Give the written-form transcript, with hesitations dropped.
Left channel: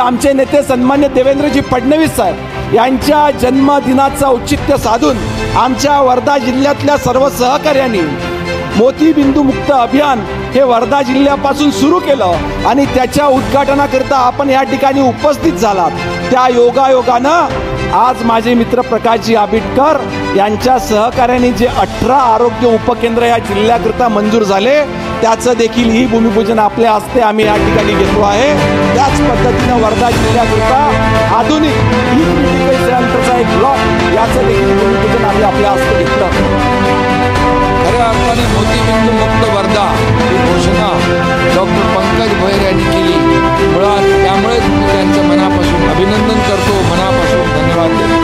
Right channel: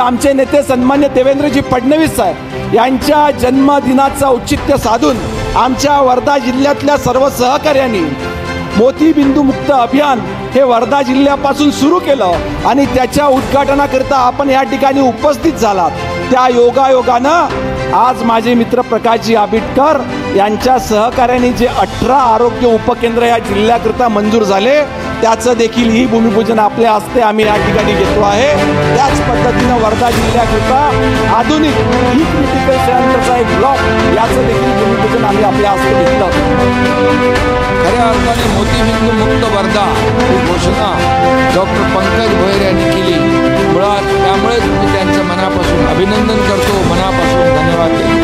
आमचे नेते सन्मान्य देवेंद्रजी फडणवीस साहेब यांच्या जन्मदिनाचं औचित्य साधून आमच्या वर्धा जिल्ह्यातल्या सर्व सहकार्यांनी मोतीबिंदू मुक्त अभियान हे वर्धा जिल्ह्यापासून सुरू केलं आणि त्याच्या उद्घाटनाकरिता आपण या ठिकाणी उपस्थित झालात। त्या योगायोगानं आज माझे मित्र प्रकाशजी आबिटकर यांच्या सहकार्याने जे 18 आरोग्य उपकेंद्र या जिल्ह्याकरिता मंजूर झाले त्याचं देखील ही भूमिपूजन आपल्या हस्ते आम्ही या ठिकाणी घेतलो आहे। त्याच पद्धतीनं वर्धा जिल्ह्याकरिता आधुनिक ई क्रिटिकल सेंटरचा एक ब्लॉक याचं देखील भूमिपूजन आम्ही आपल्या हस्ते घेतलं। खऱ्या अर्थाने मोतीबिंदू मुक्त वर्धा ही घोषणा डॉक्टर पंकज भोयर यांनी केली। मुळात त्यामुळेच मी त्यांचं मनापासून अभिनंदन करतो, मनापासून धन्यवाद देतो।